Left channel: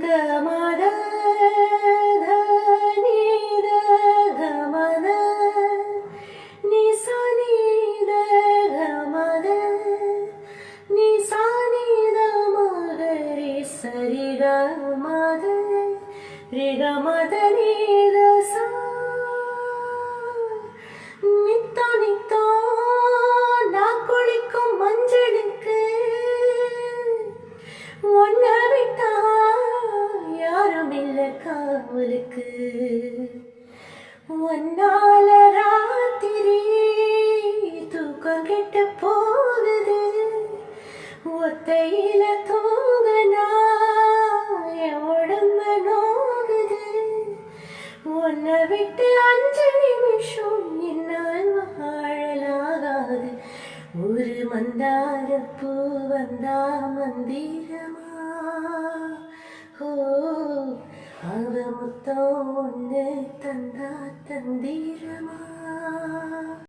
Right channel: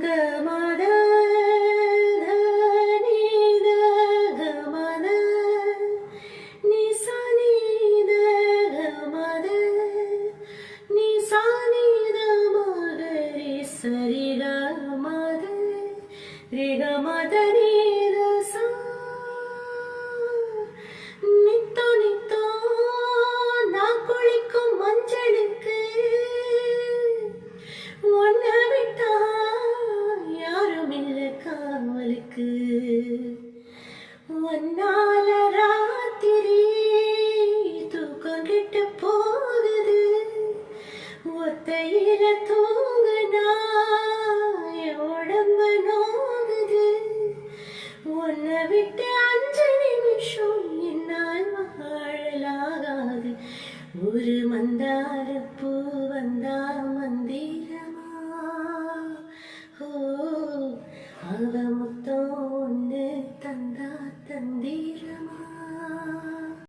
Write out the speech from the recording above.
ಗಮದ ಧನಿದ ಗಮದ ನಿಸನಿದ ಗಮದ ನಿಸನಿದ ಮಗರಿ ಸರಿ ಗಮದ ರಿ ಗಮದ ನೀದ ಸಾ நித்தோ நித்தோ நான் குளிக்கும் மஞ்சளுக்கு ஒன்ன விட்டா யாரும் இல்ல காவலுக்கு ஒன்னால ராத்திரி தூக்கம் கெட்டு போகுது ஒத்தையில தூங்கனா என் உடம்பு நோகுது உன்னை விட்டு 5 நிமிஷம் என்னால் வாழலாகாது ஒரு மந்தார பூ வந்தா மந்திரமா ஓ அவ முத்தம் ஒன்று தந்தா தந்திரமா